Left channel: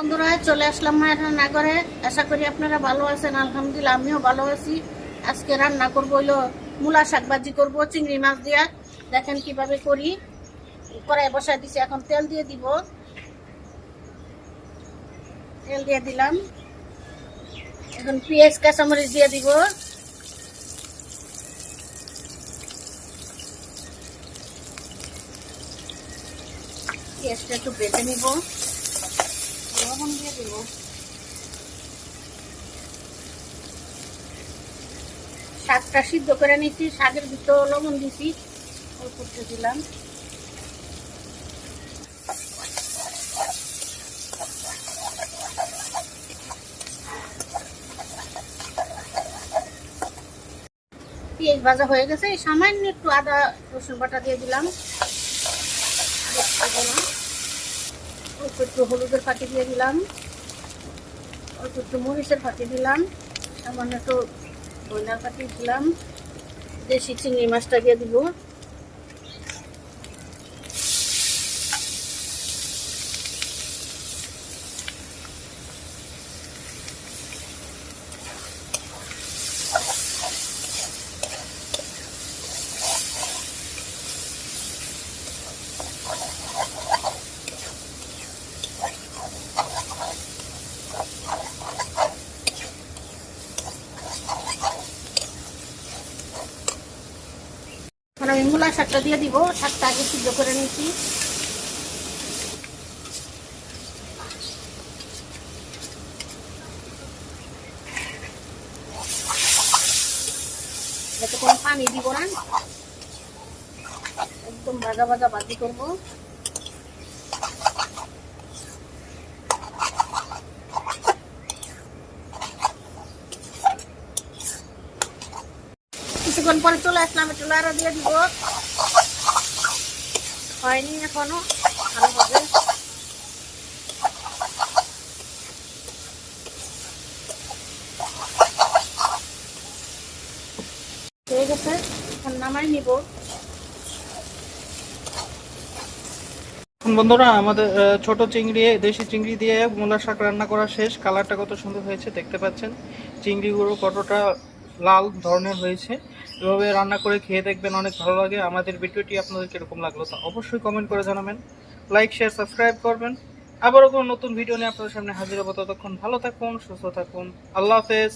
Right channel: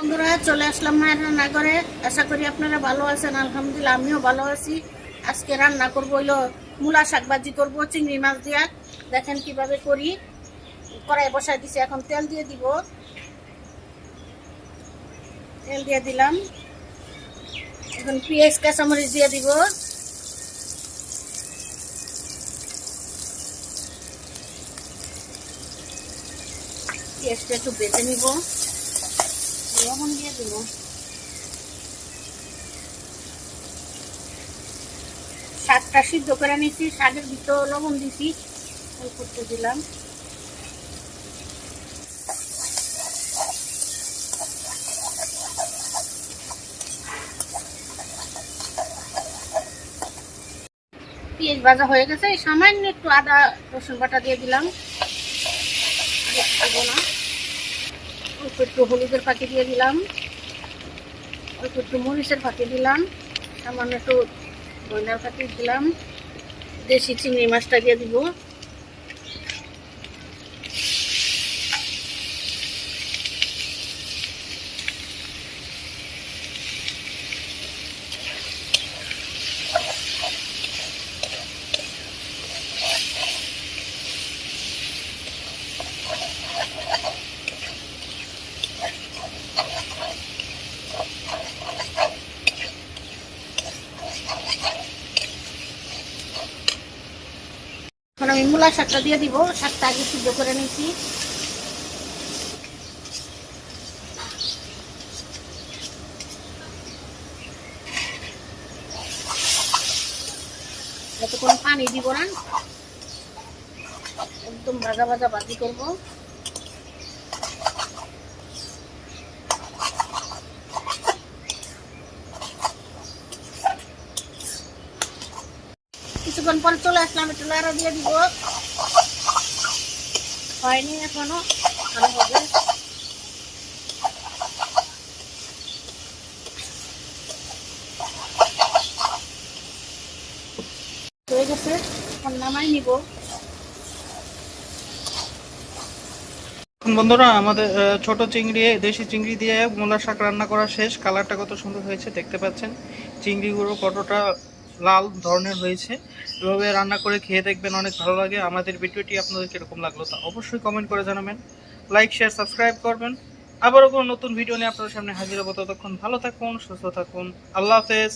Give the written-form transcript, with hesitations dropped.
বন্ধুরা, চলে আসলাম মায়ের রান্নাঘরে। আশা করি আপনারা ভালো আছেন। আলহামদুলিল্লাহ, আমিও ভালো আছি। আজকে রান্না করবো হলো মূলা শাক ভাজি করবো চিংড়ি মাছ দিয়ে। দেখেন কিভাবে করি। কড়াই বসাই দিছি, এখন তেল দিয়ে দিব। তেল দিয়ে দিলাম, এখন পেঁয়াজ কাঁচামরিচ দিয়ে দিব। পেঁয়াজটা একটু বেটে নিব, লবণ দিয়ে দিব। শাকটা সিদ্ধ করে নিচ্ছি, শাকের ভিতরে লবণ দিছি, অল্প একটু দিলাম। পেঁয়াজ ভাজা হয়ে গেছে, সামান্য একটু আদা রসুন বাটা দিয়ে দিলাম। অল্প একটু হলুদের ফাঁকি দিয়ে দিলাম, অল্প একটু মরিচের ফাঁকি দিলাম, সামান্য একটু ধনিয়ার ফাঁকি দিলাম। দেশি চিংড়ি মাছটা দিয়ে দিব। এখন আমি মূলা শাকটা দিয়ে দিব। শাকটা আগে সিদ্ধ করে নিচ্ছি। যাতে কোনো পানি দিব না, একদম ভাজা ভাজা ভাজি করবো। কিছুক্ষণ পরে চলে আসলাম, একটু লাড়া দিয়ে দিব। হয়নি এখনো, ভালো হবে। হয়ে গেছে, এখন নামাই নিব। বন্ধুরা, আমাদের ছোট চিংড়ি, দেশি চিংড়ি দিয়ে মূলা শাক রান্না করা শেষ। কালারটা কত সুন্দর হয়েছে দেখতে পাচ্ছেন। চিংড়িগুলো কতটা লাল ধরনের হয়েছে। এভাবে রান্না করে খেয়ে দেখবেন, অনেক ভালো লাগে। আমাদের ভিডিওটি আপনাদের কিরকম লাগলো তা অবশ্যই কমেন্ট করে জানাবেন। লাইক, শেয়ার, সাবস্ক্রাইব করবেন। আবারও কোনো নতুন ভিডিও নিয়ে আপনাদের সামনে হাজির হবো। ততক্ষণ ভালো থাকুন, সুস্থ থাকুন। আল্লাহ হাফেজ।